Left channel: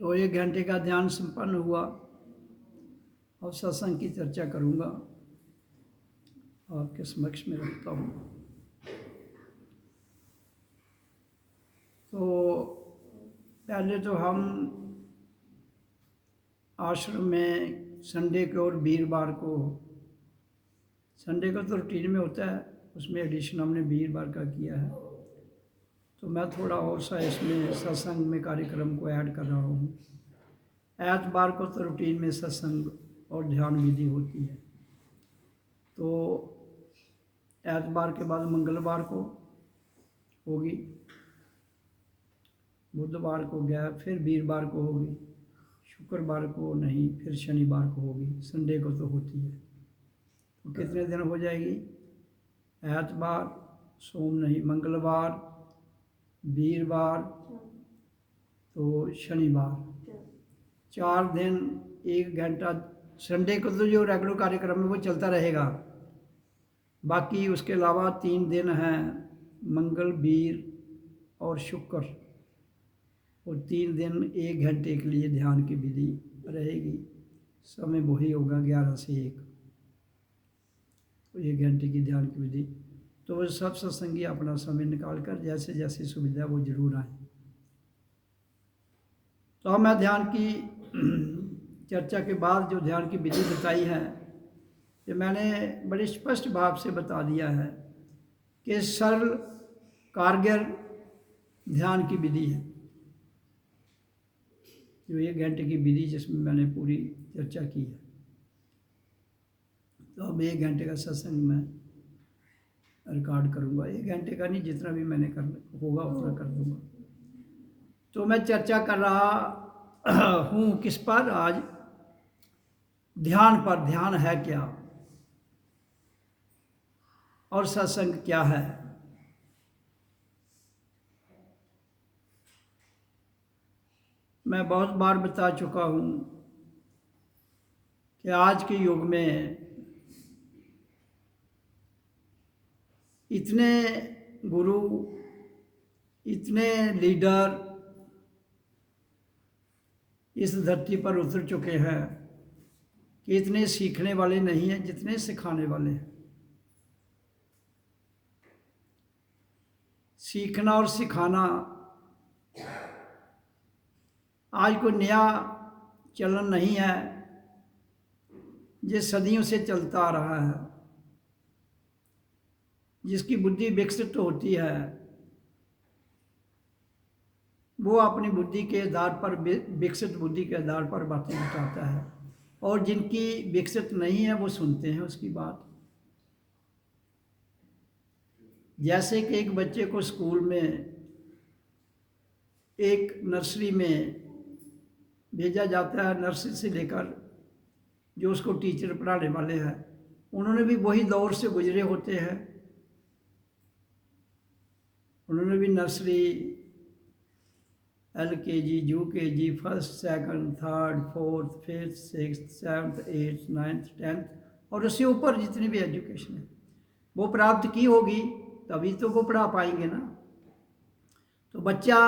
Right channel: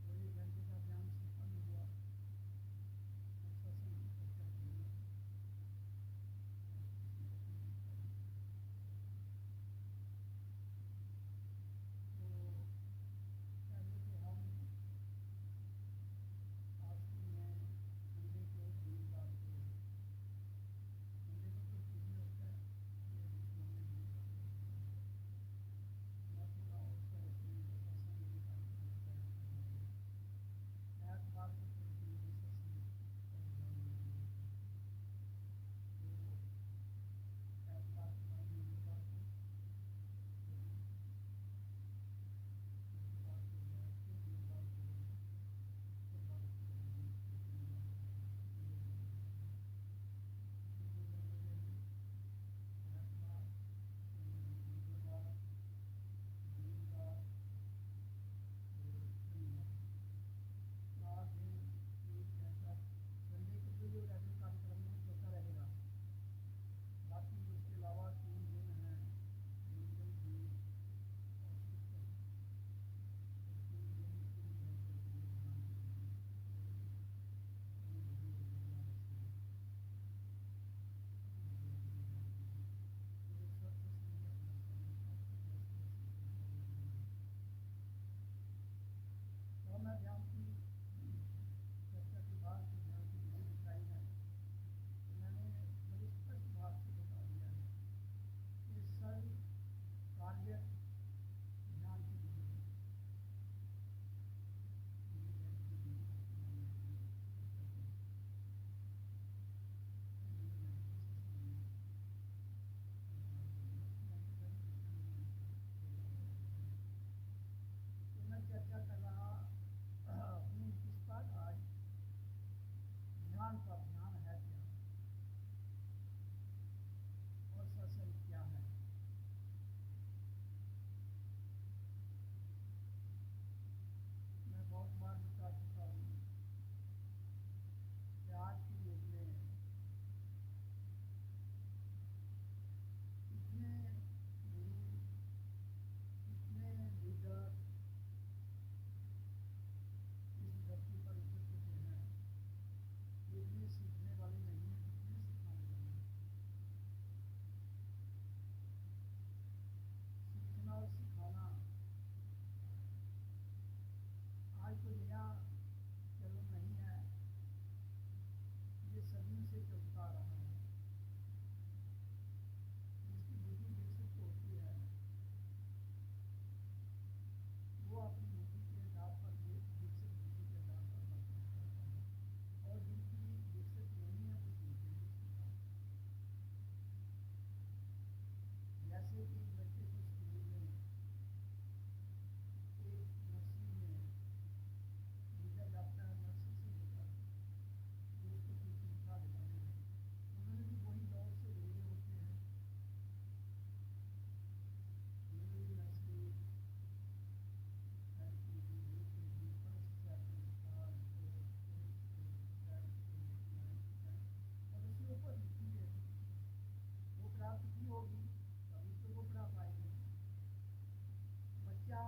तो 1 घंटे का ध्यान संपन्न हुआ और सत्संग की चर्चा करूँगा, आपके समक्ष में रखता हूँ। तो पहले तो हम आश्रम में संडे को और वीरवार को, संडे को तो रूटीन में होता है, उसमें एडिशन हमने वीरवार का किया है। तो मैं थोड़ा और सा इसमें सत्संग में कार्यक्रम को ऐड कर रहा हूँ। एतवार को तो रूटीन में सत्संग और ध्यान विधि होती है। तो एतवार के बाद मंगलवार को होगी, बुधवार को गया, फिर वीरवार को होगी, शुक्रवार को नहीं, फिर शनिवार को होगी, संडे को तो होती है। तो कितने दिन हो जाएगी? एतवार, सोम नहीं, मंगलवार, वीरवार, तो शनिवार, 4 दिन 1 घंटा। संडे को तो जो रेगुलर कार्यक्रम है वो चलता रहेगा। बाकी उसके अलावा 3 दिन हैं, मंगल, वीर और शुक्र, और 3 दिन 1 घंटे के लिए ध्यान की विधि रहेगी। समय वही होगा 11 से 1, तो 1 घंटे की ध्यान की विधि। तो वो सब सत्संगी अपना समय निकाल कर जैसे जैसे सुविधा वो जरूर आए। तो अब मैं ध्यान की चर्चा के बाद जो ध्यान की विधि बताई है, ये मैंने बड़े स्पष्ट भाव से बता दिया है कि सरल कारगर ध्यान की विधि है, जो 1 घंटे की विधि जिसमें मैंने पूरी चर्चा की है। तो अब 1 घंटे का सत्संग मैं रिकॉर्ड करूँगा। 1 घंटे का नहीं, जितना भी मैंने कर होगा उतना कर दूँगा। तो मैं चर्चा कर रहा हूँ किस पर? आज ध्यान पर। ध्यान है क्या और सत्संग क्या है। मैं बहुत बार बता चुका हूँ कि आज के युग में इतने गुरु, इतने लीडर इस धरती पर उतर चुके हैं कि इतने सीखने वाले नहीं हैं जितने सिखाने वाले हैं। सीखना और सिखाना आज कोई नया चलन नहीं है, ये सदियों से चलता आ रहा है। जिसकी बुद्धि विकसित होती है वो अपनी बुद्धि के आधार पर, विकसित बुद्धि के आधार पर बातें बताता है, और जिनकी विकसित नहीं है वो सुनते हैं उसकी बात। जैसे कि एक बच्चे को स्कूल में, एक नर्सरी में भेजा जाता है, नर्सरी से लेकर जो उसको टीचर पढ़ाने वाले हैं उन्होंने भी वही दौर से गुजरे होते हैं। उन्होंने भी nursery, LKG, UKG, first, second, third, fourth, fifth, sixth, seventh, eighth, ninth, tenth और उससे ऊपर जितनी भी एजुकेशन है वो प्राप्त की होगी, तभी तो वो पढ़ा पाएंगे ना। तो बच्चा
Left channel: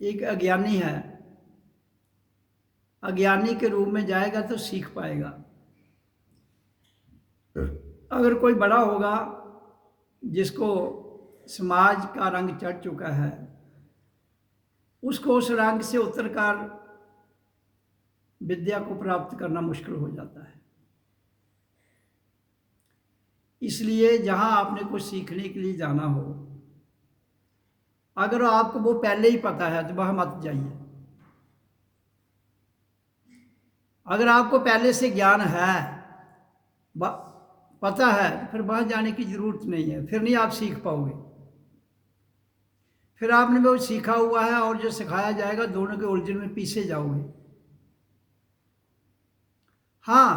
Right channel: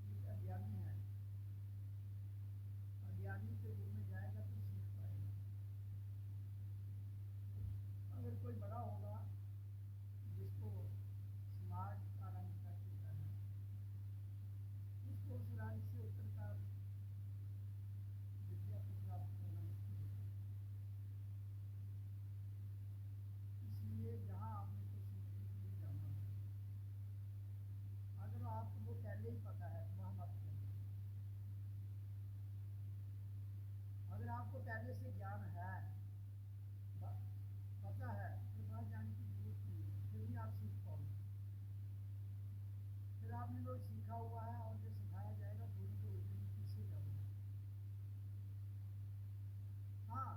एक अज्ञानी है, अज्ञानी के रूप में जाएगा तो सीख पाएगा। अगर कोई बड़ा होगा जिसको समाज का रंग चढ़ चुका है, उसको उस रंग से उतरकर विद्या को प्राप्त करना मुश्किल हो जाता है। इसलिए जहां आपने कुछ सीखने के लिए जाना हो, अगर आपको वो पहले ही पता है तो वहां मत जाइए। अगर आपको पहले से ज्ञान है, पता है, तो फिर वहां जाने की जरूरत नहीं है, फिर नहीं आप सीख पाओगे। फिर आपने वो सीखा हुआ है और जो सिखाया जाएगा, दोनों के उलझन में पीछे जाओगे। हाँ,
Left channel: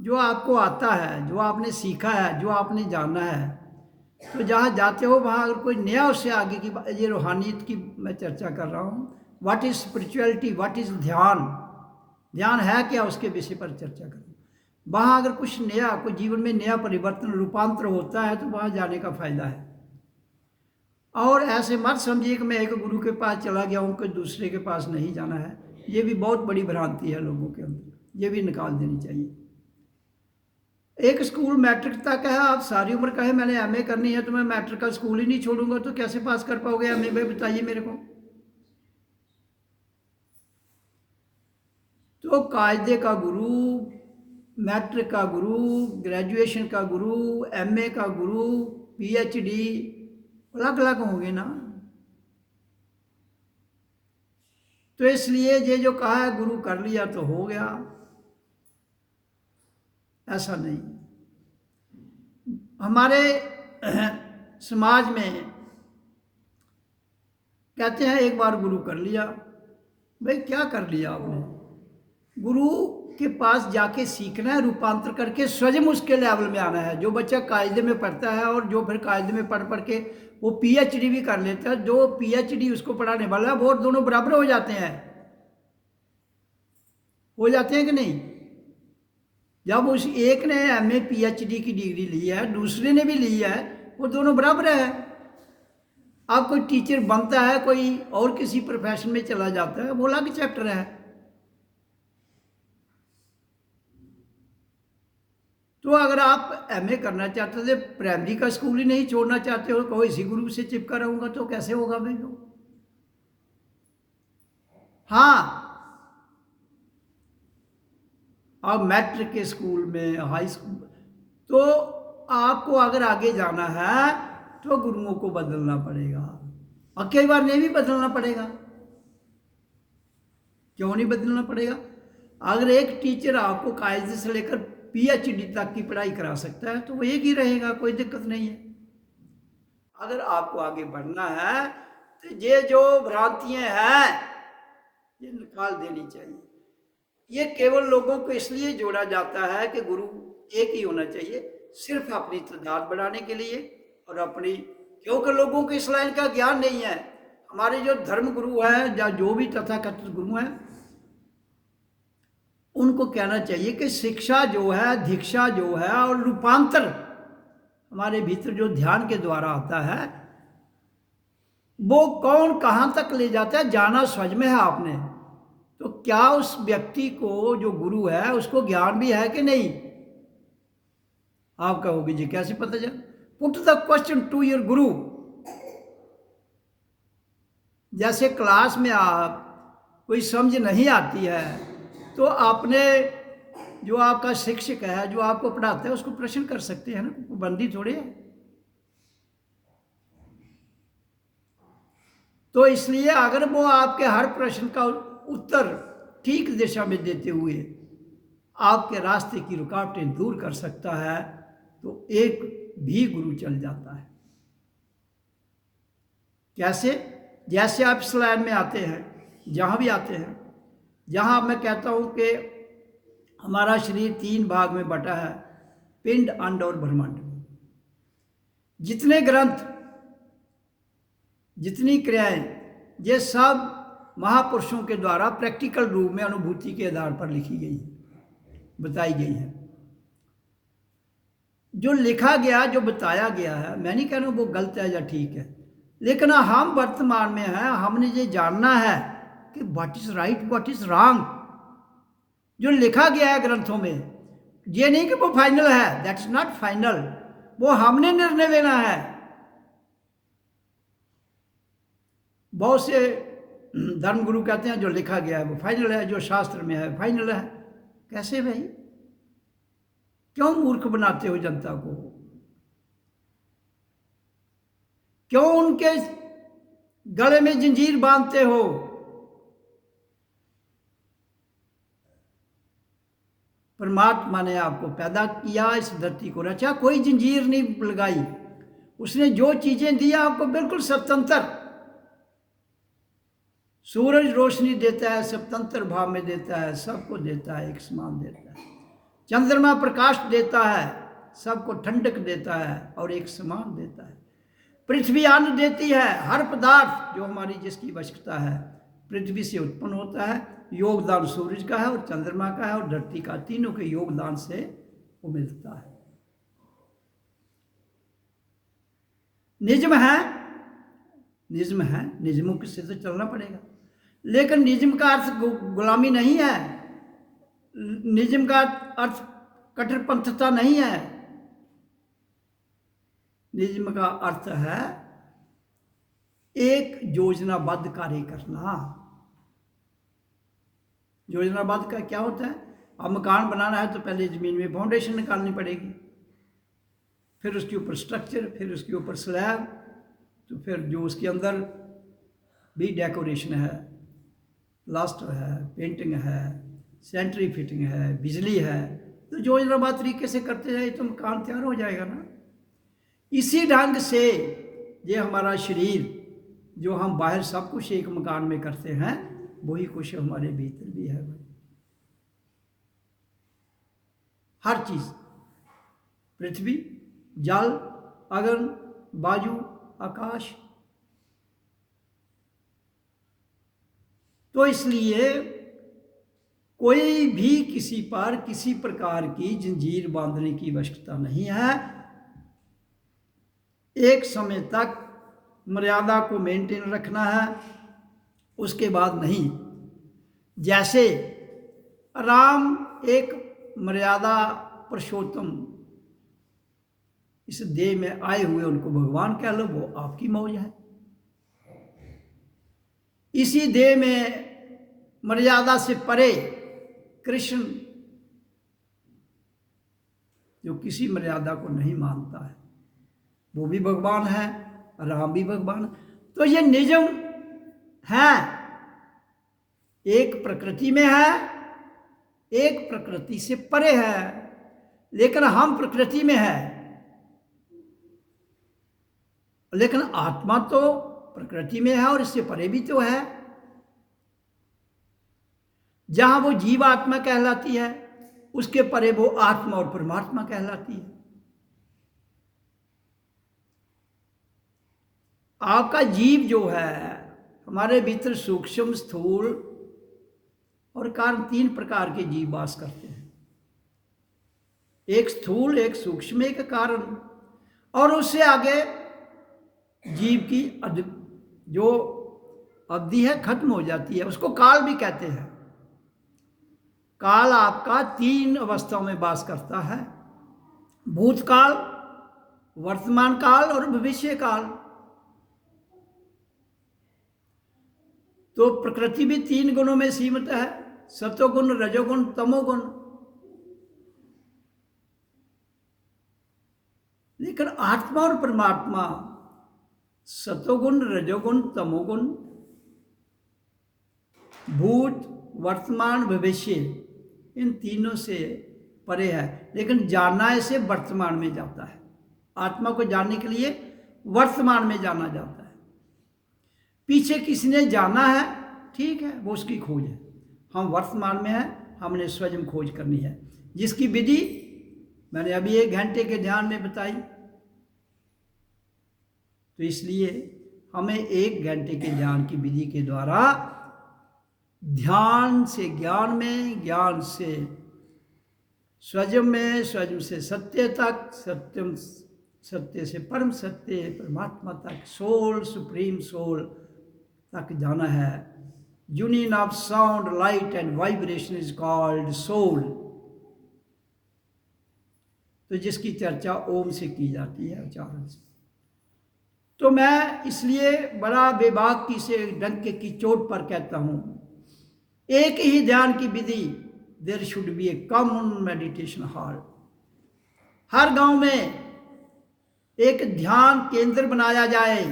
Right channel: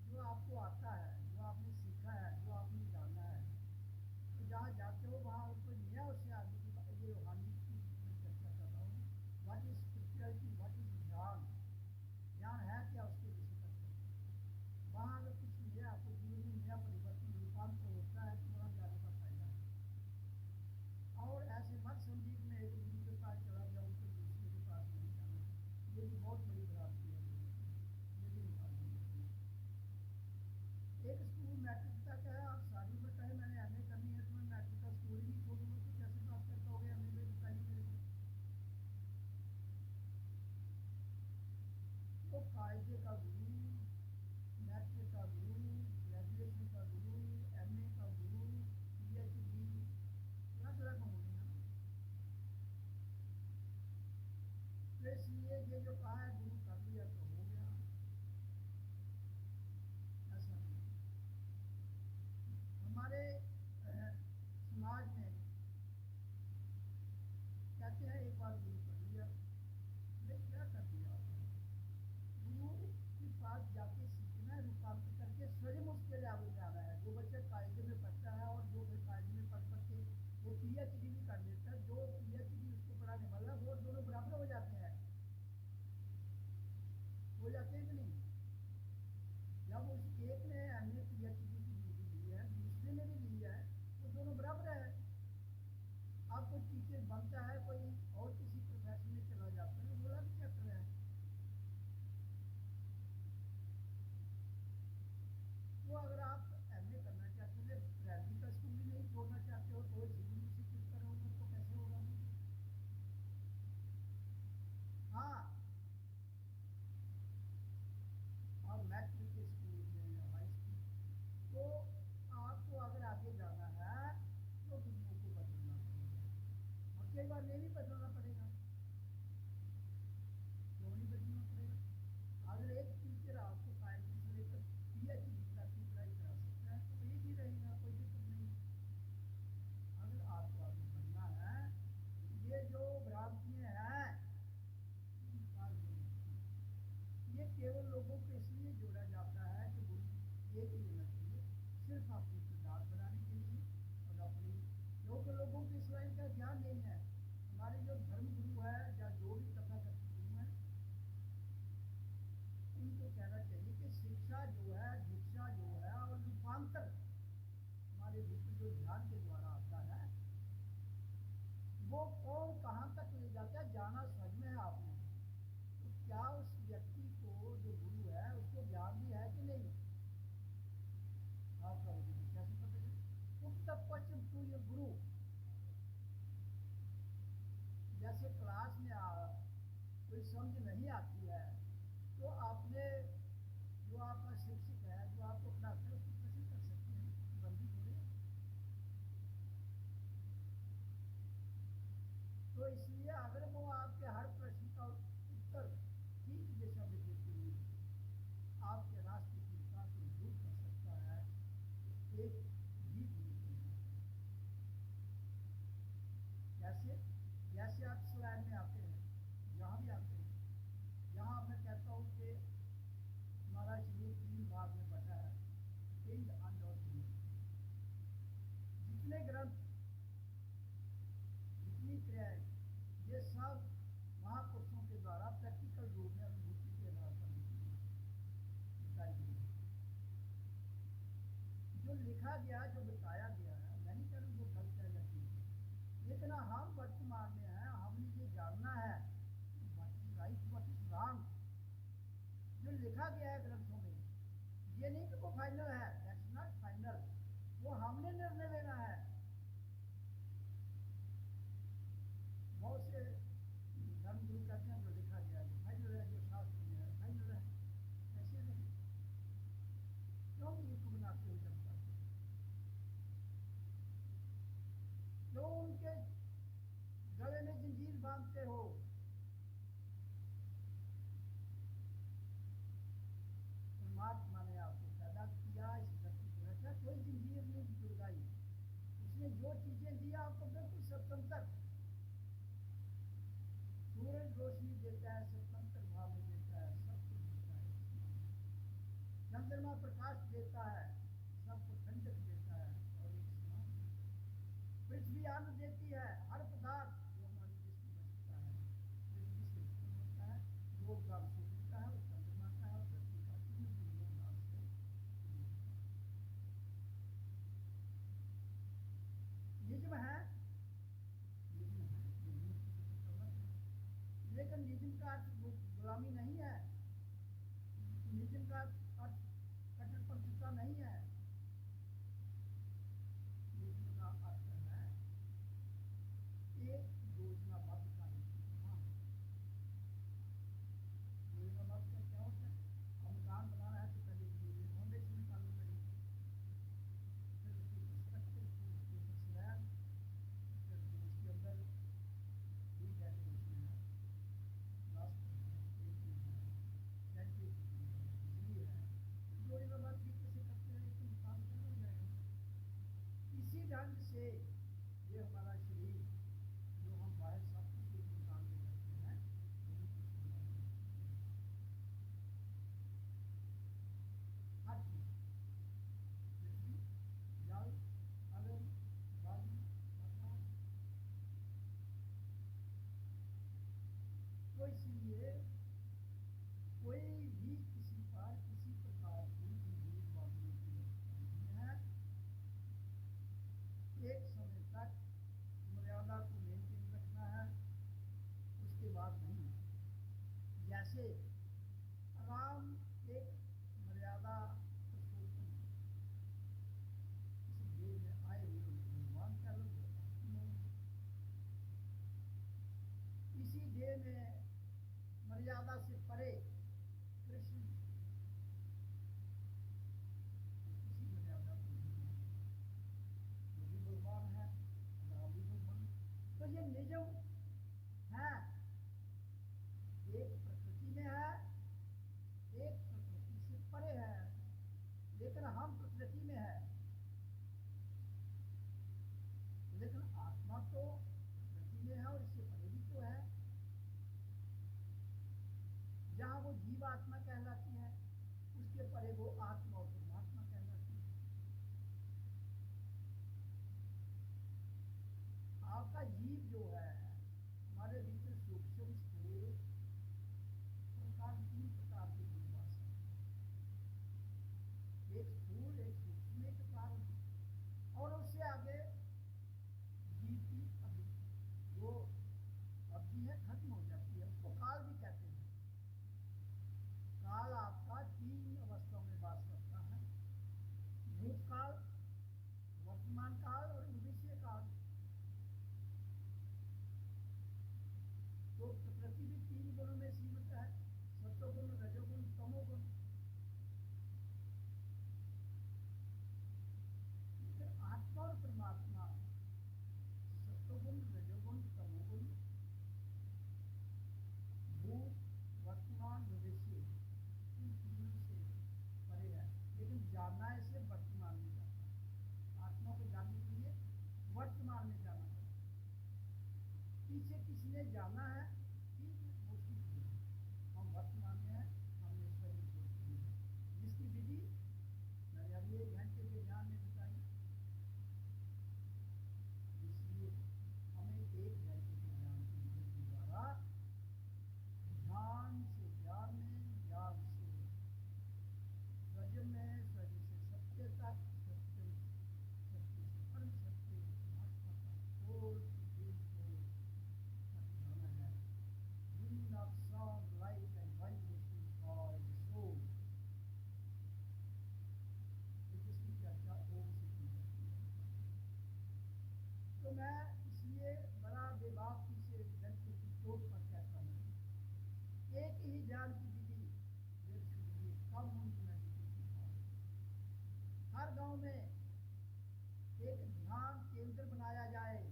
जो आपको आता है, जो आपने सीखा है, जो आपने जाना है, तो जहाँ जाते हो वहाँ अगर कोई नया उससे आगे की, ये रूहानियत की मैं चर्चा कर रहा हूँ। What is spirituality, what is ध्यान, ध्यान है क्या, उसके विषय पर चर्चा करूँ। वहाँ अगर कुछ नया, कोई जीवन में नया परिवर्तन, रूपांतर होता है तो वहाँ जाने का फायदा है। और ऐसे मत समझिए कि मैं एक गुरु के पास चला गया हूँ, कोई दूसरे के पास नहीं जाना है। ये भी बहुत बड़ी भ्रांति है लोगों के अंदर, ये भी निकाल देनी चाहिए। एक स्कूल मैट्रिक तक है, आप सारी उम्र कहे मैंने एमए करनी है तो मैं मैट्रिक का स्कूल ही नहीं छोड़ूंगा, तो कैसे पास कर पाओगे एमए में, बताइए मेरे को। तो कायदे का गुरु, मैट्रिक का गुरु, ग्रेजुएशन का गुरु, एमए का गुरु, पीएचडी अलग अलग होंगे ना। तो इसलिए ये जो कहा है गुरु कर लिया तो हो गया, ऐसा नहीं। हमारे समाज में कहते हैं एक बार गुरु कर लिया, भाई क्या कर लिया आपने? गुरु के पास जाके सीखना है, रूपांतर करके स्वयं उसके लेवल में आना है। जो बच्चा कायदे में पढ़ता है और जो फिर कायदे में पढ़ पढ़ के वो पीएचडी भी कर लेता है, जो पीएचडी उसको पढ़ाने वाला है, वो दोनों बराबर हो जाते हैं, हो जाते हैं कि नहीं? जब उस एक ने एमए पीएचडी की डिग्री ली है, दूसरे ने भी ली है, वो दोनों बराबर है। अब कोई टीचर बनता है, कोई और किसी प्रोफेशन में चला जाता है, वो अलग चैप्टर है। तो अगर आप एमए करना चाहते थे, प्राइमरी का स्कूल ही नहीं छोड़ना चाहते हो, कहो इसी ग्रुप से चिपका रहूंगा, तो कैसे होगा भाई? हाँ, अब मैट्रिक के स्कूल में, हाई स्कूल, तो आपको अगर आगे जाना है तो गुरुओं को बदलना पड़ेगा, और कई बार नहीं भी बदलना पड़ेगा। क्यों नहीं बदलना पड़ेगा? अगर एक टीचर आपको कायदे से लेकर पीएचडी तक की पढ़ाई करा सकता है तो वो एक ही रहेगा, कोई दिक्कत नहीं है। अगर आपको आगे बढ़ना है तो ये जो भ्रांतियां हैं ये निकाल देनी चाहिए। ये केवल लोगों को इसलिए जोड़ा जाता है कि गुरु एक ही होना चाहिए, सिर्फ अपनी तादाद बढ़ाने के लिए और अपनी, क्योंकि लोगों को इस लाइन का ज्ञान नहीं है। हमारे जो धर्म गुरु हैं या जो भी तथाकथित गुरु हैं, उनको कहना चाहिए कि शिक्षा जो है, दीक्षा जो है और रूपांतर हमारे भीतर जो ध्यान के द्वारा आता है, वो कौन कहाँ तक ले जाता है जाना समझ में है आपने। तो क्या उस व्यक्ति को जो गुरु है उसको ज्ञान भी है कि नहीं? आप कहोगे जी कैसे पता चले? Put the question to your guru. जैसे क्लास में आप कोई समझ नहीं आती है तो आपने जो आपका शिक्षक है, जो आपको पढ़ाता है, उसको प्रश्न कर सकते हैं ना, बंदी थोड़े है। तो इसलिए अगर वो आपके हर प्रश्न का उत्तर ठीक दिशा में देते हुए आपके रास्ते की रुकावटें दूर कर सकता है तो एक भी गुरु चल जाता है। कैसे? जैसे आप इस लाइन में आते हैं, जहाँ भी आते हैं, जहाँ मैं कहता हूँ कि हमारा शरीर 3 भाग में बटा है, पिंड, अंड और ब्रह्मांड। जितने ग्रंथ, जितनी क्रियाएं, ये सब महापुरुषों के द्वारा प्रैक्टिकल रूप में अनुभूति के आधार पर लिखी गई, बताई गई है। जो लिखा गया, जो बताया गया है, मैं नहीं कह रहा हूँ वो गलत है या ठीक है, लेकिन हम वर्तमान में हैं, हमने ये जानना है कि what is right, what is wrong. जो लिखा गया है ग्रंथों में, ये नहीं कि वो फाइनल है, दैट इज नॉट फाइनल, वो हमने निर्णय लेना है। बहुत से धर्मगुरु कहते हैं जो लिखा गया है वो फाइनल है, जो शास्त्र में है फाइनल है। कैसे भाई? क्यों मूर्ख बनाते हो जनता को? क्यों उनके गले में जंजीर बांधते हो? परमात्मा ने आपको पैदा किया, इस धरती को रचा, कोई जंजीर नहीं लगाई। उसने जो चीजें दी आपको बिल्कुल स्वतंत्र। सूरज रोशनी देता है, स्वतंत्र भाव में देता है, सबको देता है, एक समान देता है। चंद्रमा प्रकाश देता है, सबको ठंडक देता है और एक समान देता है। पृथ्वी अन्न देती है, हर पदार्थ जो हमारी जिसकी आवश्यकता है पृथ्वी से उत्पन्न होता है। योगदान सूरज का है और चंद्रमा का है और धरती का, तीनों के योगदान से वो मिलता है। निजम है निज़्म है, निज़्मों से तो चलना पड़ेगा। लेकिन निज़्म का अर्थ गुलामी नहीं है, निज़्म का अर्थ कट्टरपंथता नहीं है। निज़्म का अर्थ है एक योजनाबद्ध कार्य करना। योजनाबद्ध का क्या होता है? अब मकान बनाना है तो पहले ज़मीन में फाउंडेशन निकालनी पड़ेगी, फिर उसके ऊपर स्ट्रक्चर, फिर उसके ऊपर स्लैब, तो फिर जो उसके अंदर भी डेकोरेशन है, प्लास्टर है, पेंटिंग है, सेंट्री फिटिंग है, बिजली है, तो योजनाबद्ध तरीके से करते जाए तो मकान तैयार हो जाएगा ना। इसी ढंग से ये हमारा शरीर, जो हम बाहर सब कुछ एक मकान में करते हैं, वही कुछ हमारे भीतर भी है। हर चीज, पृथ्वी, जल, अग्नि, वायु, आकाश। तो इसलिए कोई भी किसी पर किसी प्रकार की जंजीर बांधने की आवश्यकता नहीं है। एक समय तक मर्यादा को मेंटेन रखना है, उसके बाद नहीं। जैसे राम एक मर्यादा पुरुषोत्तम इस देह में आए हुए, उनको भगवान कह लो, वो आपकी मौज है। इसी देह में मर्यादा से परे कृष्ण, जो किसी मर्यादा को नहीं मानता है, वो भी भगवान है, राम भी भगवान। तो ये निजम है, एक प्रकृति में है, एक प्रकृति से परे है। लेकिन हम प्रकृति में है, लेकिन आत्मा तो प्रकृति में है और इससे परे भी तो है। जहां वो जीव आत्मा कहलाती है, उसके परे वो आत्मा और परमात्मा कहलाती है। आपका जीव जो है, हमारे भीतर सूक्ष्म, स्थूल और कारण, 3 प्रकार के जीव वास करते हैं। एक स्थूल, एक सूक्ष्म, एक कारण। और उससे आगे जीव की जो अवधि है खत्म हो जाती है, उसको काल भी कहते हैं। काल आपका 3 अवस्थाओं में वास करता है, भूतकाल, वर्तमान काल और भविष्य काल। तो प्रकृति भी 3 गुणों में सीमित है, सत्वगुण, रजोगुण, तमोगुण। लेकिन आत्मा और परमात्मा सत्वगुण, रजोगुण, तमोगुण, भूत, वर्तमान, भविष्य, इन तीनों से परे है। लेकिन जानना इसे वर्तमान में जाता है। आत्मा को जानने के लिए वर्तमान में जाना जाता है। पीछे किसी ने जाना है, ठीक है, वो उसकी खोज है। हम वर्तमान में हैं, हमने स्वयं खोज करनी है, जिसकी विधि मैंने अभी 1 घंटे के ध्यान में बताई। तो इसलिए हमें 1 घंटे के ध्यान की विधि के द्वारा ध्यान से ज्ञान में, ज्ञान से स्वयं में, स्वयं से सत्य तक, सत्यम सत्य से परम सत्य परमात्मा तक, सोल, सुप्रीम सोल तक जाना है। Union of sound, light and vibration is called soul. तो जिसकी चर्चा ओम से की जाती है, उच्चारण से। तो मैं इसलिए बड़ा बेबाकी से डंके की चोट पर कहता हूं, एक ही ध्यान की विधि, there should be a common meditation hall. हर गांव में एक ध्यान केंद्र बनाया जाए,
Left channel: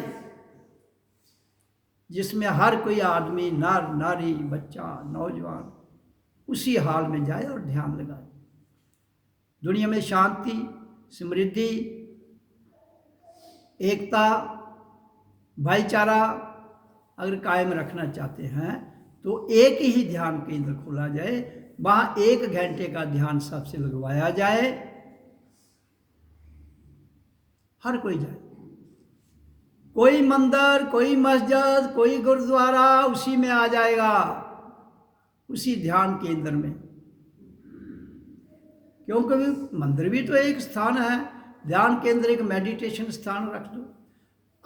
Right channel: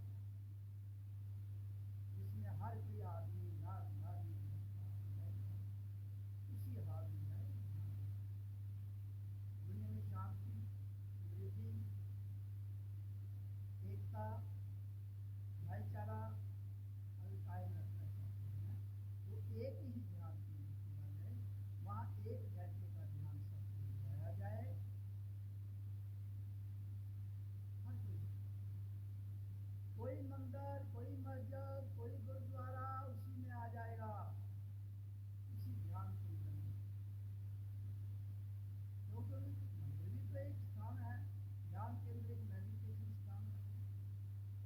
जिसमें हर कोई आदमी, नर नारी, बच्चा, नौजवान उसी हाल में जाए और ध्यान लगाए। दुनिया में शांति, समृद्धि, एकता, भाईचारा अगर कायम रखना चाहते हैं तो एक ही ध्यान केंद्र खोला जाए, वहां 1 घंटे का ध्यान सबसे लगवाया जाए, हर कोई जाए। कोई मंदिर, कोई मस्जिद, कोई गुरुद्वारा उसी में आ जाएगा, उसी ध्यान केंद्र में। क्योंकि मंदिर भी तो एक स्थान है, ध्यान केंद्र एक मेडिटेशन स्थान रख दो।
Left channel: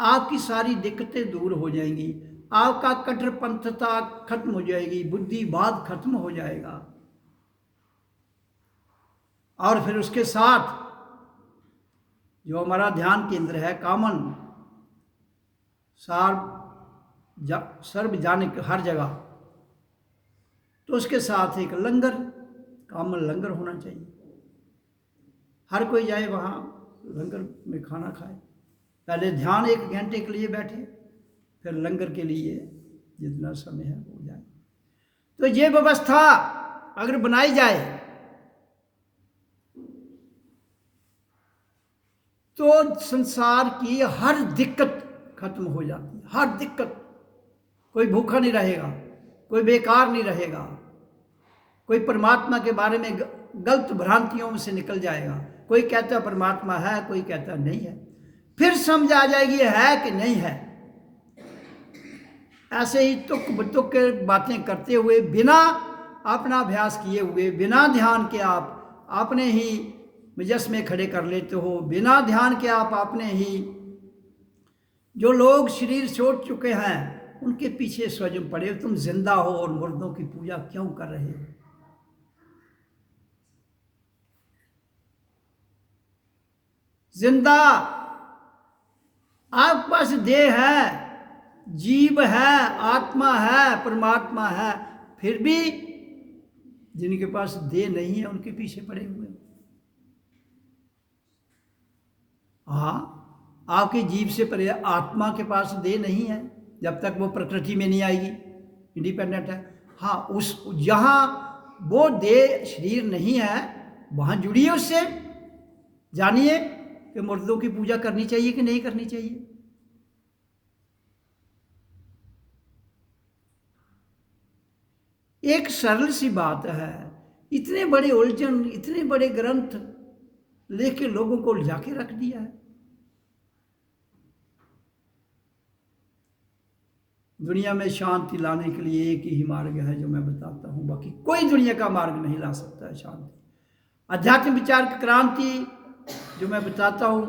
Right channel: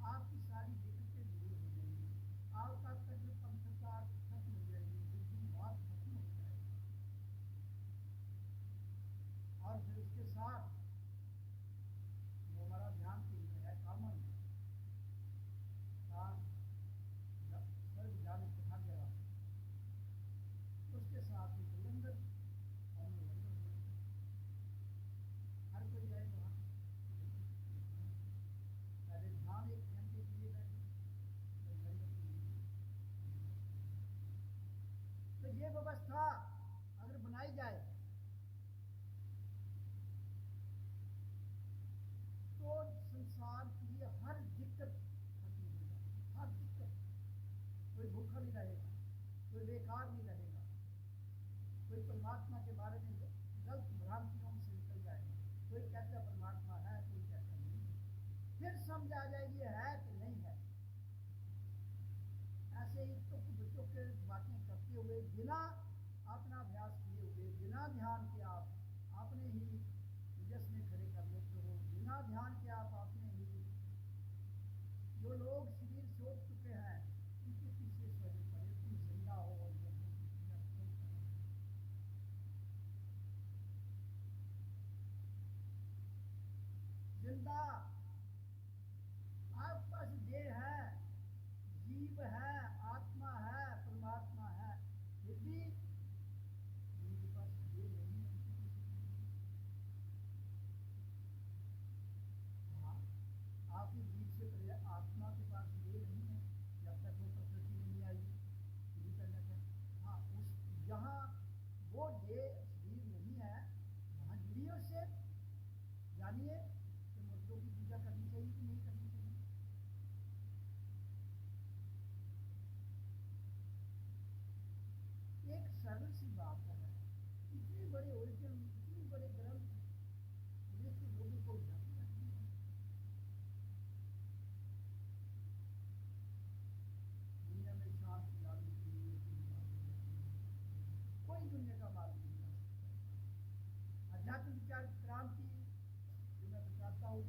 आपकी सारी दिक्कतें दूर हो जाएंगी, आपका कट्टरपंथता खत्म हो जाएगी, बुद्धिवाद खत्म हो जाएगा। और फिर उसके साथ जो हमारा ध्यान केंद्र है कॉमन, सार्वजनिक हर जगह, तो उसके साथ एक लंगर, कॉमन लंगर होना चाहिए। हर कोई जाए वहाँ लंगर में खाना खाए। पहले ध्यान 1 घंटे के लिए बैठे, फिर लंगर के लिए जितना समय है वो जाए। तो ये व्यवस्था अगर बनाई जाए तो संसार की हर दिक्कत खत्म हो जाती है, हर दिक्कत। कोई भूखा नहीं रहेगा, कोई बेकार नहीं रहेगा, कोई परमात्मा के बारे में गलत भ्रांतियों से निकल जाएगा। कोई कहता परमात्मा है, कोई कहता नहीं है, फिर समझ आ जाएगी है कि नहीं है। ऐसे ही तुक बुतुक के बातें करते हुए, बिना अपना अभ्यास किए हुए, बिना ध्यान के आप अपने ही मुजस्मे खड़े कर लेते हो, बिना ध्यान के आप अपने ही जो लोग शरीर छोड़ चुके हैं उनके पीछे स्वयं पड़े हो। तुम जिंदा हो और मुर्दों की पूजा क्यों कर रहे हो? जिंदा आपके पास देह है, जीव है, आत्मा है, परमात्मा है, फिर भी जिनके पास देह नहीं है उनके पीछे पड़े हुए। हाँ, आपके जीव से परे आत्मा के पास देह नहीं है, जब तक वो प्रकृति में नहीं आएगी, इंडिपेंडेंट है। हाँ, उस जहाँ वो देह शरीर नहीं है वहाँ जुड़िए उससे, जानिए कि मुर्दों की पूजा करनी चाहिए कि नहीं करनी चाहिए। एक सरल सी बात है, इतने बड़े उलझन, इतने बड़े ग्रंथ लेके लोगों को उलझा के रख दिया है। दुनिया में शांति लाने के लिए एक ही मार्ग है जो मैं बताता हूँ, बाकी कोई दुनिया का मार्ग नहीं ला सकता है शांति। आध्यात्मिक विचार की क्रांति जो मैं बताता हूँ,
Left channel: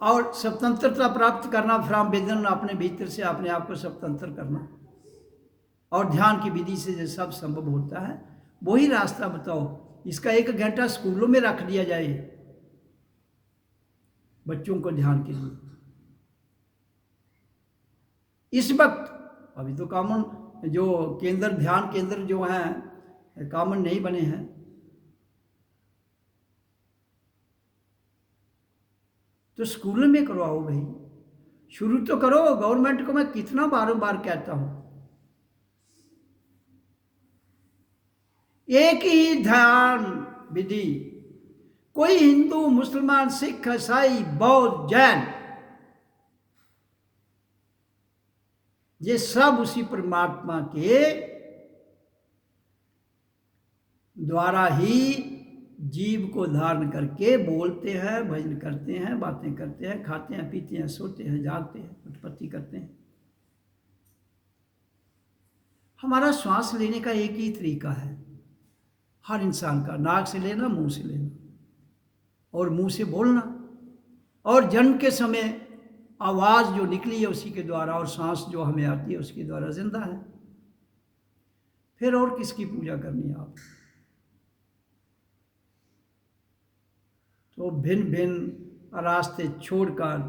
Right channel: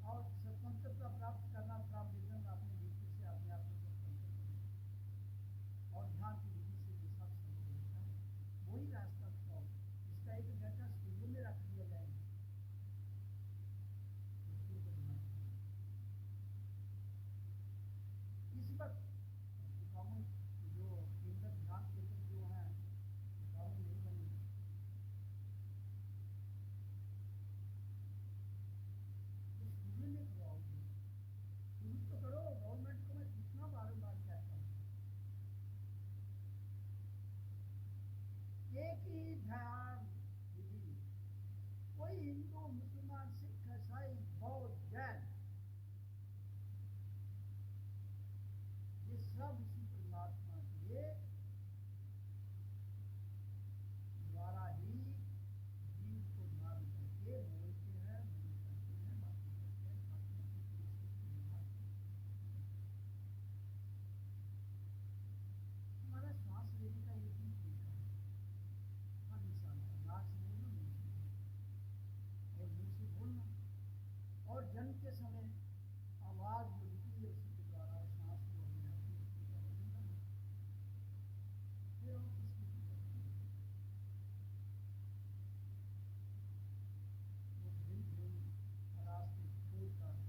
और स्वतंत्रता प्राप्त करना फ्रॉम विदिन, अपने भीतर से अपने आप को स्वतंत्र करना, और ध्यान की विधि से जो सब संभव होता है वही रास्ता बताओ। इसका 1 घंटा स्कूलों में रख दिया जाए बच्चों को ध्यान के लिए। इस वक्त अभी तो कॉमन जो केंद्र, ध्यान केंद्र जो हैं कॉमन नहीं बने हैं, तो स्कूलों में करवाओ भाई, शुरू तो करो। गवर्नमेंट को मैं कितना बार कहता हूं, एक ही ध्यान विधि, कोई हिंदू, मुसलमान, सिख, ईसाई, बौद्ध, जैन, ये सब उसी परमात्मा के द्वारा ही जीव को धारण करके बोलते हैं, भजन करते हैं, बातें करते हैं, खाते हैं, पीते हैं, सोते हैं, जागते हैं, उत्पत्ति करते हैं। हमारा श्वास लेने का एक ही तरीका है हर इंसान का, नाक से लेना, मुंह से लेना, और मुंह से बोलना, और जन्म के समय आवाज़ जो निकली है उसी के द्वारा, और सांस जो हमें आती है उसके द्वारा जिंदा है। फिर और किसकी पूजा करनी है आप? तो भिन्न भिन्न रास्ते छोड़कर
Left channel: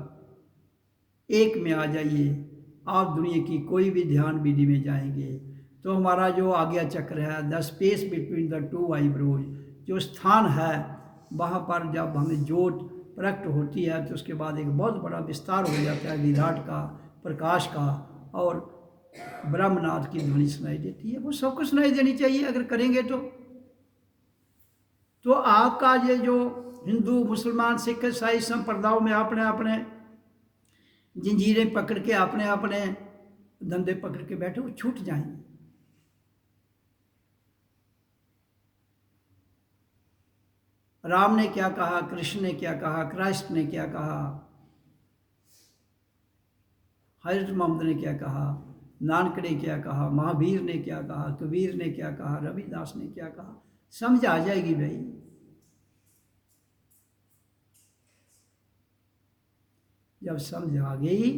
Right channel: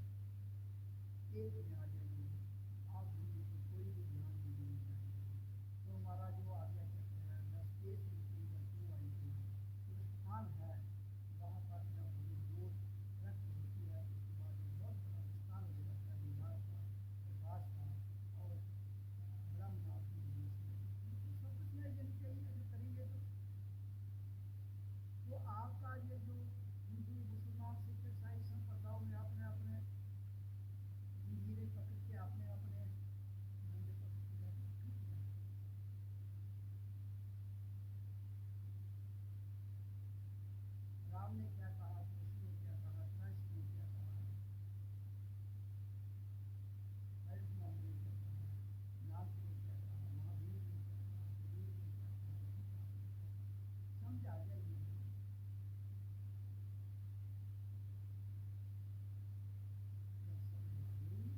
एक में आ जाइए। आप दुनिया की कोई भी ध्यान विधि में जाएंगे तो हमारा जो आज्ञा चक्र है, the space between the 2 eyebrows, जो स्थान है वहाँ पर जब हमें ज्योत प्रकट होती है तो उसके बाद एक बहुत बड़ा विस्तार हो जाता है विराट का, प्रकाश का, और ब्रह्मनाथ की ध्वनि सुनाई देती है। वो सबको सुनाई देनी चाहिए अगर करेंगे तो आपका ये जो हिंदू, मुसलमान, सिख, ईसाई संप्रदायों में अपने अपने जंजीरें पकड़ के, अपने अपने धंधे पकड़ के बैठे, वो छूट जाएंगे। राम ने क्या कहा, कृष्ण ने क्या कहा, क्राइस्ट ने क्या कहा, हजरत मोहम्मद ने क्या कहा, नानक ने क्या कहा, महावीर ने क्या कहा, कबीर ने क्या कहा, रविदास ने क्या कहा, समझ आ जाएगी भाई। जब समझ आ गई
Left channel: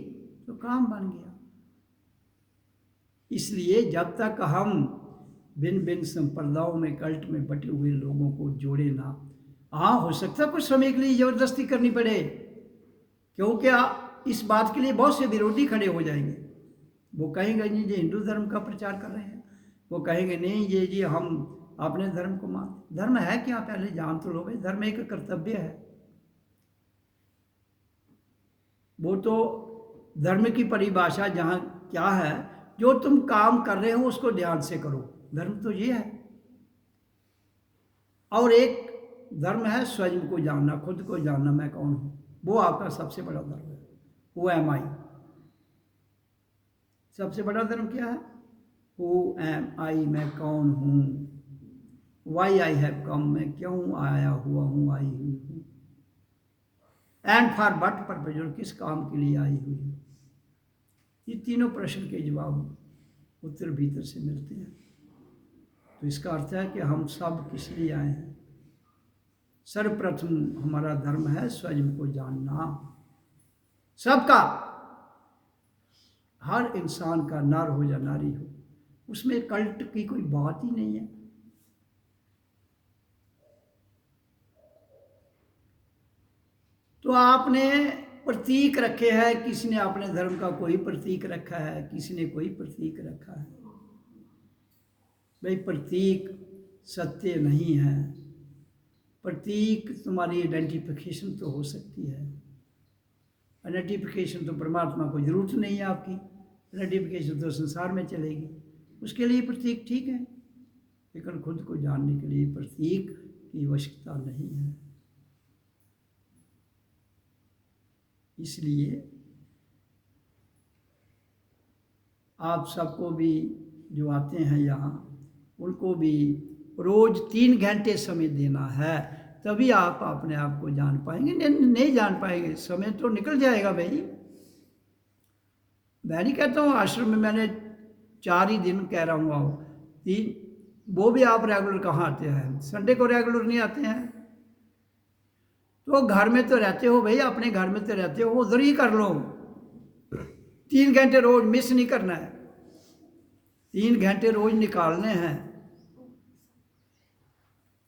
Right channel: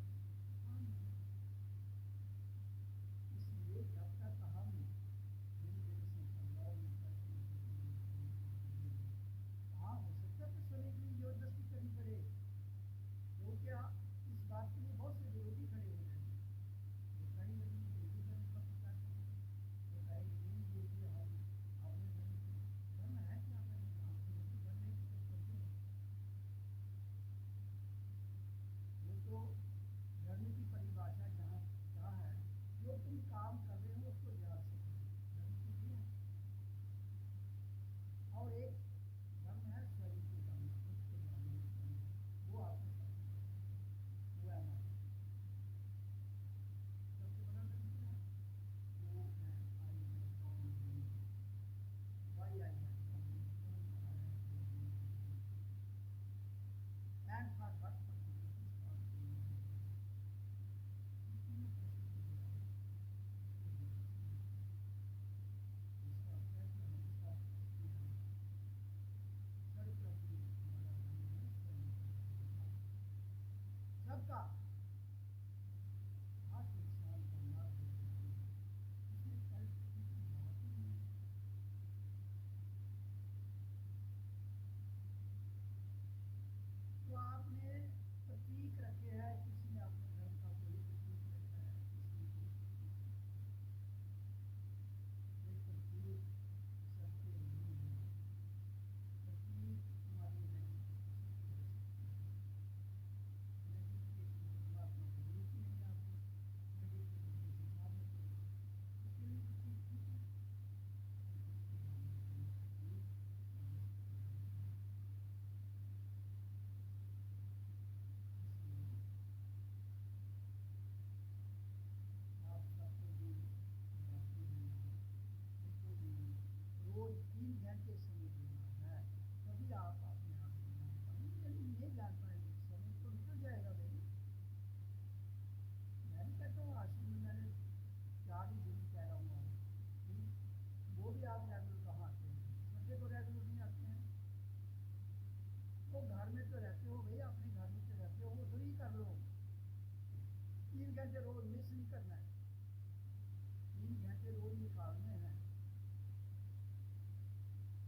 तो काम बन गया। इसलिए जब तक हम भिन्न भिन्न संप्रदायों में, कल्ट में बटे हुए लोगों को जोड़े ना, हाँ हो सकता है कुछ समय के लिए जबरदस्ती करनी पड़े, क्योंकि इस बात के लिए बहुत से विरोधी खड़े हो जाएंगे। वो कहेंगे जी ये हिंदू धर्म का प्रचार कर रहे हैं, वो कहेंगे नहीं ये जी हम अपने धर्म को मानते। धर्म है क्या, पहले जान तो लो भाई। धर्म एक कर्तव्य है। वो तो धर्म की परिभाषा जहाँ क्या है, जो तुम काम कर रहे हो उसको ध्यान से करो, धर्म तो ये है। और एक धर्म है स्वयं को जानना, खुद को जानना, मैं कौन हूँ, वो आपका सबसे बड़ा धर्म है। वो एम आई, सबसे बड़ा धर्म क्या है? हु एम आई, मैं कौन हूँ। वाई आई हैव कम, मैं क्यों आया हुआ हूँ, आई हुई हूँ। एंड फॉर व्हाट पर्पज, और किस काम के लिए आई हुई हूँ। ये तीनों प्रश्न के जवाब उत्तर भीतर से मिलते हैं। तो इसका अर्थ है कि हम सब किस लिए आए हैं। सर्वप्रथम हमारा धर्म है स्वयं को जानना, सबका, हर इंसान का, नर हो या नारी हो, उसमें कल्ट की कोई बात ही नहीं है। तो आपने प्रतीक रखे हैं, किसी ने अपने धर्म का कोई प्रतीक रखा है, किसी ने कोई प्रतीक रखा है। भाई प्रतीक सत्य नहीं है। प्रतीक तुम्हारी आइडेंटिफिकेशन तो हो सकती है, आइडेंटिफिकेशन तो परमात्मा को जरूरत नहीं है आपकी, आइडेंटिफिकेशन तो संसार में चलेगी, उसके लिए प्रतीक ठीक है, लेकिन खुद को जानने के लिए प्रतीक की आवश्यकता नहीं है। इसलिए आप सबको भी जो आते हैं यहाँ, उनको भी रोज 3 घंटे समय देना है, तभी आप अपने आप को जान पाएंगे। नहीं जान पाएंगे, समय तो निकल जाएगा भाई। मैं नहीं कहता हूँ आश्रम में मैंने 4 ही दिन कह रहा हूँ आओ, 3, वो भी आप रेगुलर कहाँ आते हैं, संडे को रेगुलर नहीं आते हैं। तो घर में तो रहते हो भाई, अपने घर में तो रहते हो, उधर ही कर लो। 3 घंटे रोज मिस नहीं करना है, 3 घंटे रोज निकालने हैं।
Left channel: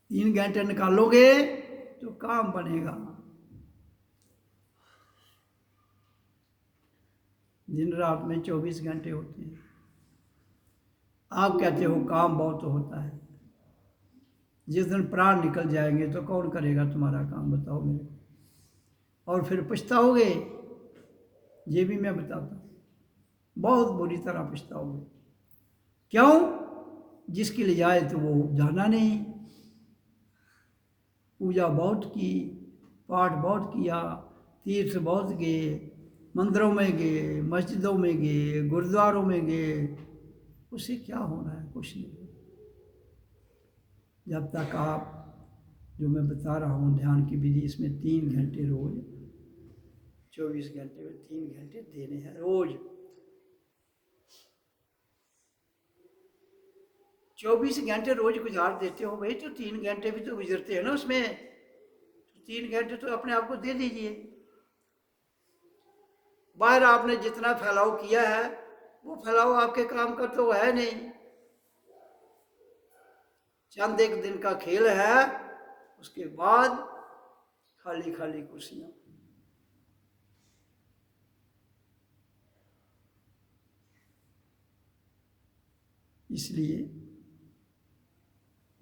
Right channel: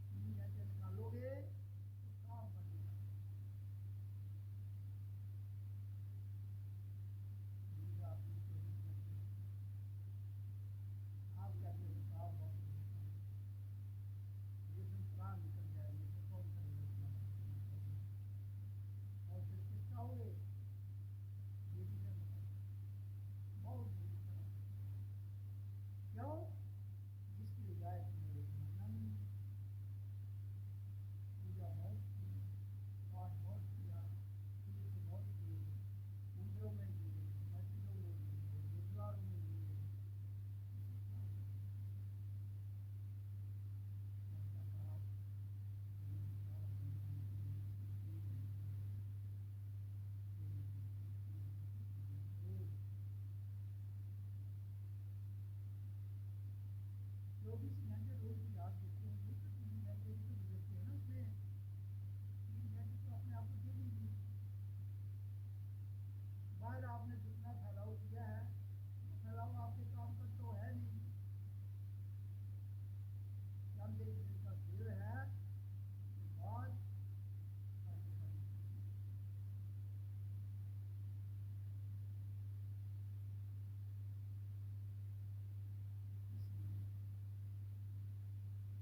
3 घंटे निकालोगे तो काम बनेगा। दिन रात में 24 घंटे होते हैं। आप कहते हो काम बहुत होता है, जिस दिन प्राण निकल जाएंगे तो कौन करेगा तुम्हारा काम, बताओ मेरे को। और फिर पछताओगे, ये भी मैं बताता हूँ, बहुत बुरी तरह पछताओगे। क्यों? जिसके लिए आए तो वो जाना नहीं। पूजा बहुत की, पाठ बहुत किया, तीर्थ बहुत गए, मंदिरों में गए, मस्जिदों में गए, गुरुद्वारों में गए, उससे क्या होना है? कुछ नहीं। जब तक आप, जो मैं बता रहा हूँ ध्यान की विधि, इसमें 3 घंटे रोज, 24 घंटे में 3 घंटे देने हैं रोज। 24 घंटे रोज गुजार देते हो भाई, तो 3 घंटे भी तो गुजरते हैं ना उसमें। 3 घंटे तो अपने आप को दे दीजिए। बाहर आपने जितना फैलाव किया है, वो फैलाव आपके काम का तो है नहीं। चंद एक दिन का खेल है, उसके बाद खाली खाली कुर्सियां। इसलिए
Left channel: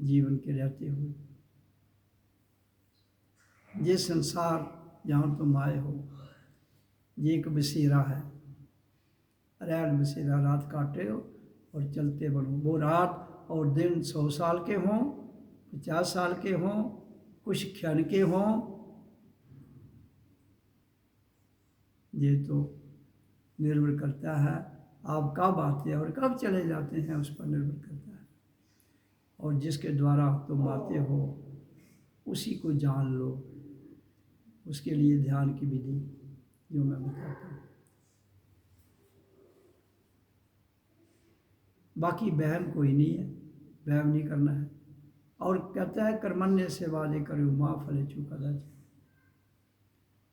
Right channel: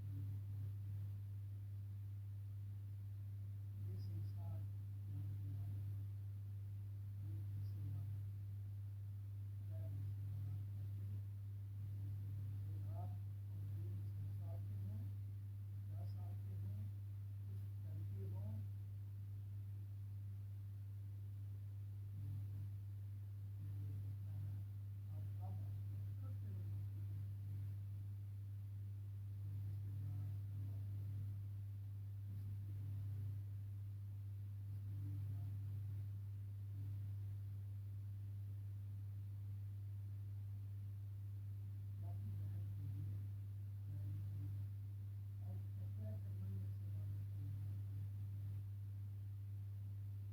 जीवन के रहते हुए ये संसार जहाँ तुम आए हो, ये एक बसेरा है। रैन बसेरा, रात काटे हो और चलते बनो। वो रात और दिन 100 साल के हों, 50 साल के हों, कुछ क्षण के हों, ये तो निर्भर करता है आप कब आते हैं और कब चले जाते हैं, उस पर निर्भर करता है। और जिसके द्वारा तुम आते हो उसी को जान लो। उसके लिए ध्यान की विधि जो मैं बताता हूँ। बाकी वहम कोई नहीं है, वहम नहीं करना है। और कहता है कर्मण्य से वादे करो माँ फले चूका दाच।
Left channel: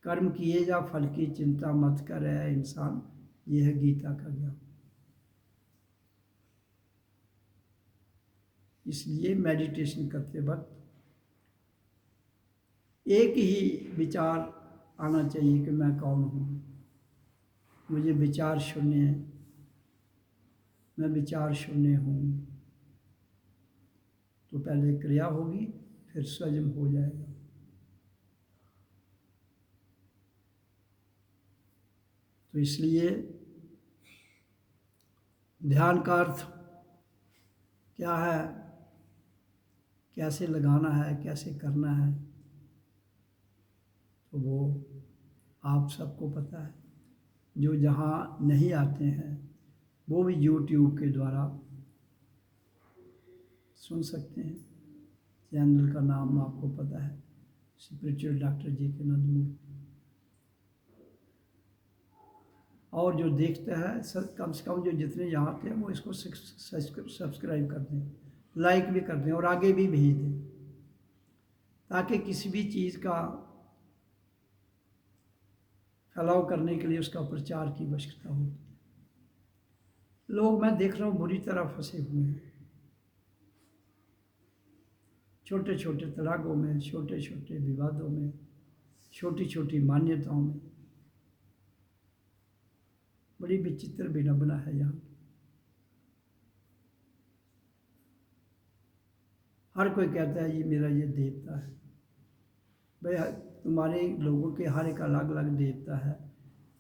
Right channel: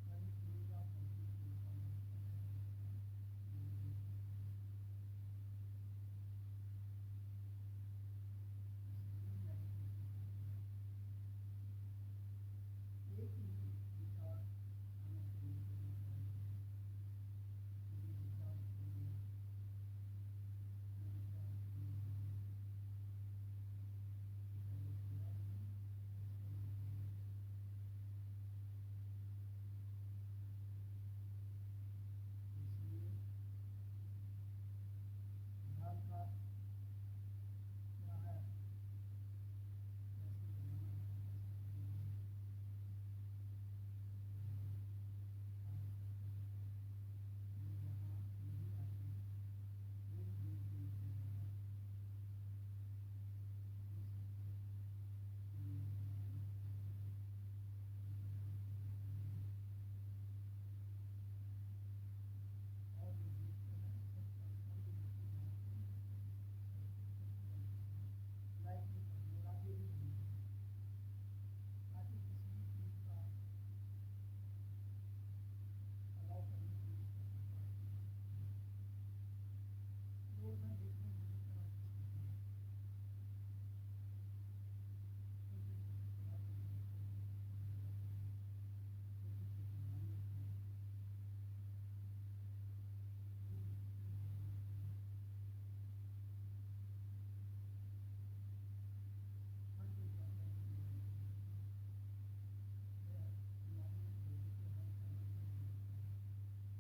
कर्म किए जा, फल की चिंता मत कर इंसान, ये है गीता का ज्ञान। इसलिए मेडिटेशन करते वक्त एक ही विचार आना चाहिए कि मैं कौन हूँ, मुझे विचार शून्य है, मैं विचार शून्य हूँ। तो पहले क्रिया होगी, फिर स्वयं हो जाएगा। तो इसलिए ध्यान का अर्थ क्या है, कैसे लगाना है, कैसे करना है, तो वो आप सबको पता है। जो जहाँ नहीं आते हैं वो भी यूट्यूब के द्वारा सुन सकते हैं। चैनल का नाम आपको पता है, स्पिरिचुअल डॉक्टर जी.के. नंदमूर्ति। और जो देखता है कम से कम जो जितने यहाँ आते हैं वो इसको सब्सक्राइब कर दें, लाइक भी कर दें और आगे भी भेज दें, ताकि किसी भी चीज़ का फैलाव करने के लिए उसका प्रचार की आवश्यकता होती है। लोग मैं देख रहा हूँ बुरी तरह फंसे हुए हैं, छोटे छोटे तड़ाकों में, छोटे छोटे विवादों में, छोटी छोटी मान्यताओं में। बड़ी विचित्र विडंबना है यहाँ। हर कोई कहता है ये मेरा ये देवता है। भाई तुम्हारे लोगों के हर एक अलग अलग देवता है,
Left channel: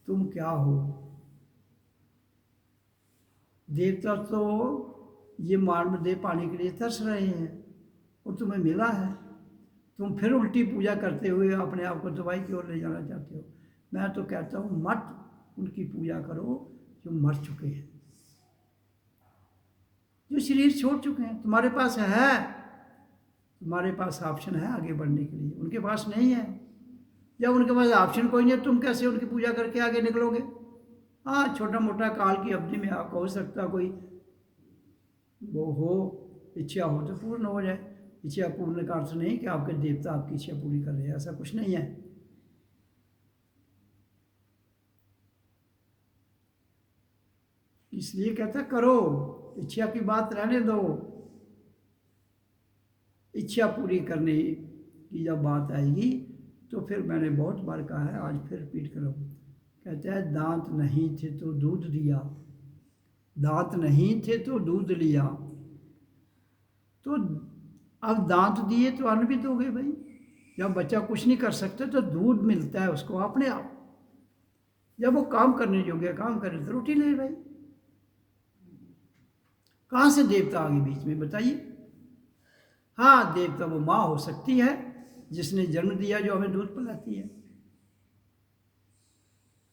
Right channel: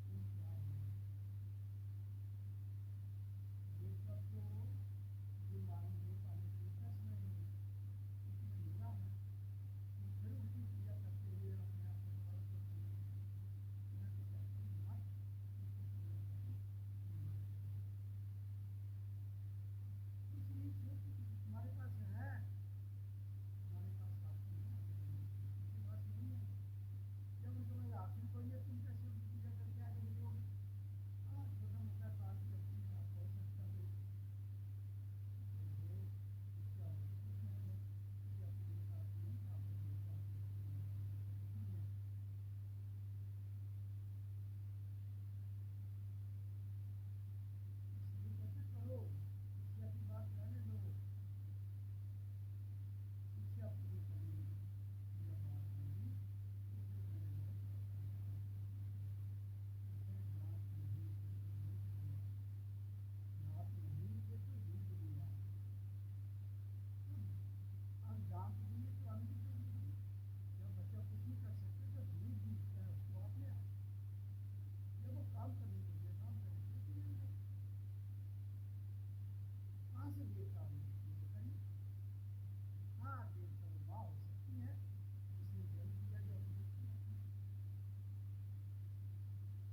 तुम क्या हो? देवता तो ये मानव देह पाने के लिए तरस रहे हैं और तुम्हें मिला है, तुम फिर उल्टी पूजा करते हुए अपने आप को दवाई की ओर ले जाना चाहते हो। मैं तो कहता हूँ मत उनकी पूजा करो जो मर चुके हैं, जो शरीर छोड़ चुके हैं। तुम्हारे पास है, तुम्हारे पास ऑप्शन है आगे बढ़ने के लिए, उनके पास नहीं है। जब उनके पास ऑप्शन कोई नहीं है, तुम कैसे उनकी पूजा करके आगे निकलोगे? हाँ, छोटा मोटा काल की अवधि में आपको हो सकता कोई वो हो, इच्छा हो तो पूर्ण हो जाए। इच्छा पूर्ण का अर्थ नहीं कि आपके देवता आपकी इच्छा पूरी कर रहे हैं, ऐसा कुछ नहीं है। इसलिए कहता करो, इच्छा की बात रहने दो। इच्छा पूरी करने की जब बात आएगी तो फिर मैंने बहुत बार कहा है, आज फिर रिपीट करो। कहता है दांत नहीं थे तो दूध दिया, दांत नहीं थे तो दूध लिया। तो अब दांत दिए तो अन्न भी दोगे भाई। जब बच्चा कुछ नहीं कर सकता तो दूध मिलता है उसको अपने आप। जब वो काम करने योग्य काम करे तो रोटी ले भाई। कहाँ से देवता आगे बीच में बताइए? हाँ, देवता वो माँ हो सकती है जिसने जन्म दिया जो हमें दूध पिलाती है।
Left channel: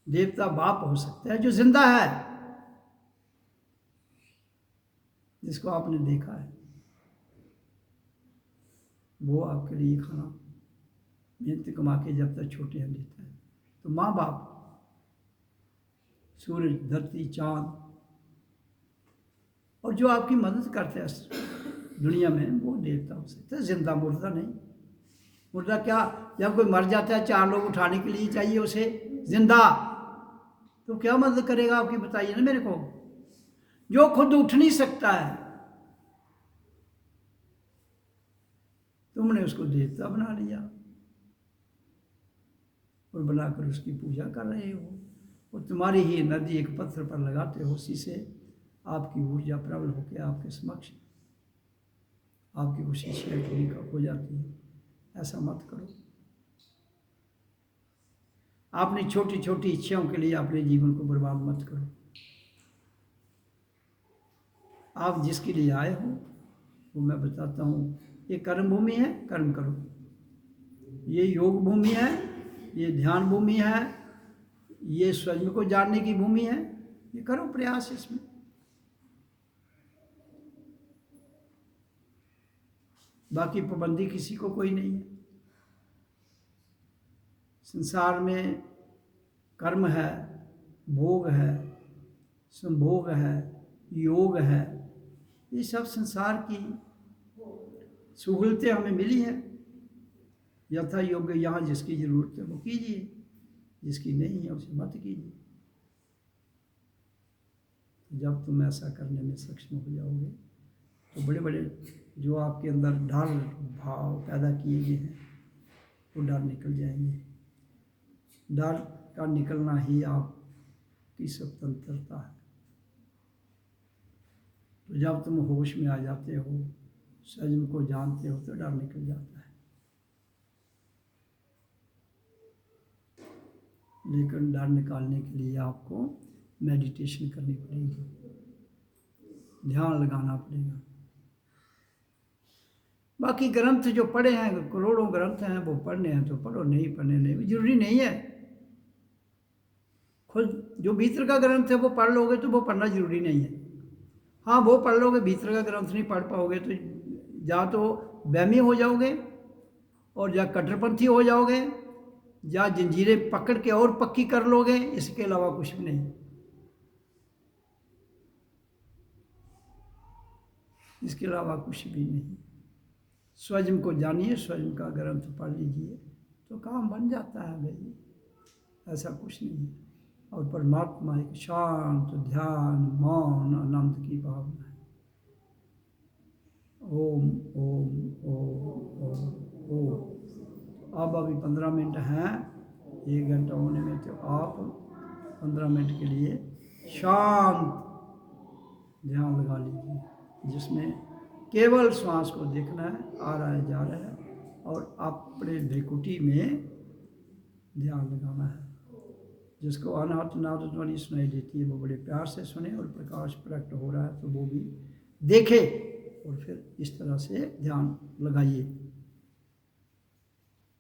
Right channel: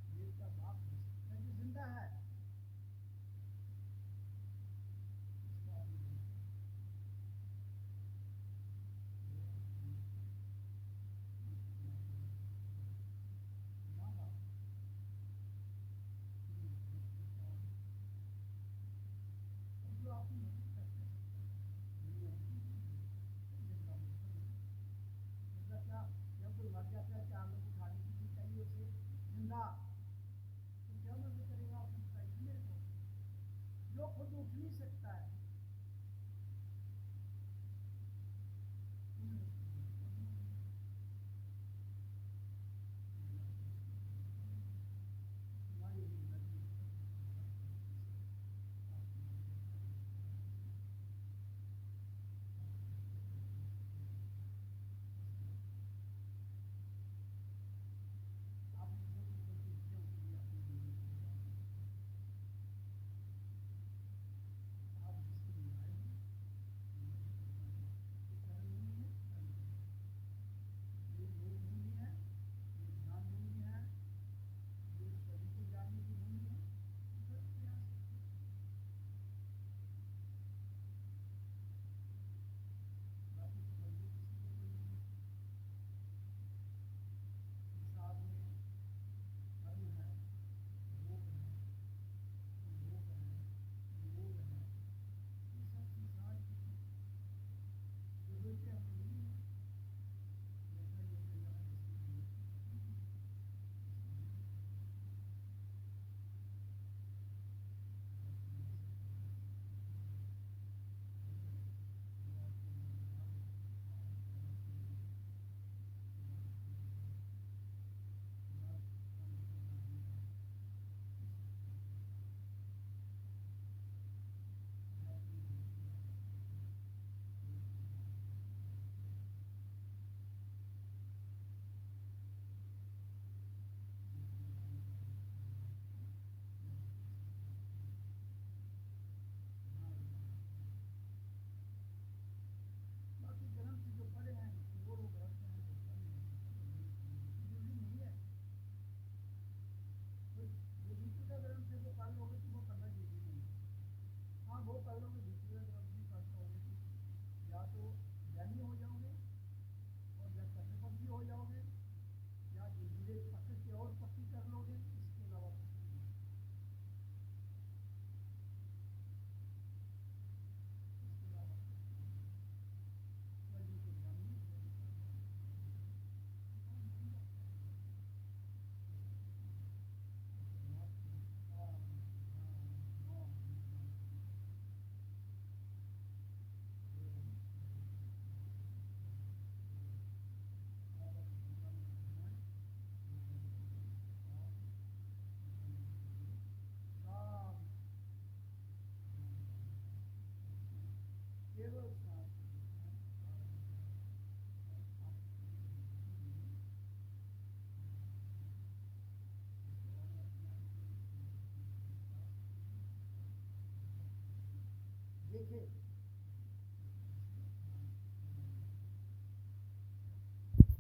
देवता बाप हो सकता है जो जिंदा है, जिसको आपने देखा है, वो आपके लिए खाना मेहनत कमा के जब तक छोटे हैं देता है। तो माँ बाप, सूरज, धरती, चांद और जो आपकी मदद करते हैं दुनिया में, वो देवता हो सकता है। जिंदा, मुर्दा नहीं। मुर्दा क्या, जब कोई मर जाता है 4 लोग उठाने के लिए चाहिए उसे। जिंदा तो क्या मदद करेगा आपकी, बताइए ना मेरे को। जो खुद उठ नहीं सकता है, तुमने उसको देवता बना लिया और बनाकर उसकी पूजा कर रहे हो। और तुम्हारी ही नदी एक पत्थर पर लगाते हो, उसी से आपकी ऊर्जा प्रबल होकर आपके समक्ष आपकी वो शीशियाँ पूरी हो जाती है। ऐसा मत करो। अपनी छोटी छोटी इच्छाओं के लिए अपने जीवन को बर्बाद मत करो। आप जिसके लिए आए हो वो मैं बताता हूँ, ये कर्म भूमि है, कर्म करो। ये योग भूमि है, ये ध्यान भूमि है, ये स्वयं को जानने की भूमि है। ये करो प्रयास इसमें। बाकी पाबंदी किसी को कोई नहीं है। संसार में कर्म है, भोग है, संभोग है, योग है, ये सब संसार की सहूलतें हमें मिली है। यथा योग्य यहाँ जिसकी जरूरत है वो कीजिए, जिसकी नहीं है उसे मत कीजिए। जब तुम ऐसा करने में सक्षम हो जाओगे तो बड़े बड़े जो आपके अंदर डर भाव पैदा किए गए हैं वो डर निकल जाएंगे। डर का निकलना ही आपकी स्वतंत्रता है। तो जब तुम होश में आ जाते हो, संयम को जानते हो, तो डर निकल जाता है। लेकिन डर निकालने के लिए आपको मेडिटेशन करनी पड़ेगी, ध्यान लगाना पड़ेगा। बाकी ग्रंथ जो पढ़े हैं, करोड़ों ग्रंथ हैं, वो पढ़ने हैं तो पढ़ो, नहीं पढ़ने नहीं, जरूरी नहीं है। खुद जो भीतर का ग्रंथ है वो पढ़ लोगे तो वो पढ़ना जरूरी नहीं है। हाँ, वो पढ़ लोगे, भीतर का ग्रंथ नहीं पढ़ पाओगे तो या तो वहमी हो जाओगे और या कट्टरपंथी हो जाओगे या जंजीरें पकड़ के और पक्की कर लोगे, इसके अलावा कुछ भी नहीं। इसके अलावा कुछ भी नहीं। स्वयं को जानिए, स्वयं का ग्रंथ पढ़ लीजिए तो काम बन जाता है भाई, ऐसा कुछ नहीं है। और परमात्मा एक शांत ध्यान मौन आनंद की भावना है। ओम ओम ओम ओम ओम। अब अभी 15 मिनट हैं, 1 घंटा होने में, तो आप 15 मिनट के लिए शांत ध्यान लगा लीजिए, जिसमें केवल श्वास को देखना है, आ रहा है जा रहा है, और अपने भ्रिकुटी में ध्यान लगाना है। जिसको अनाहत नाद ध्वनि सुनाई देती है वो बड़े प्यार से सुने, और प्रकाश प्रकट हो रहा है तो वो भी देखे, और फिर इस तरह से ध्यान लगाइए।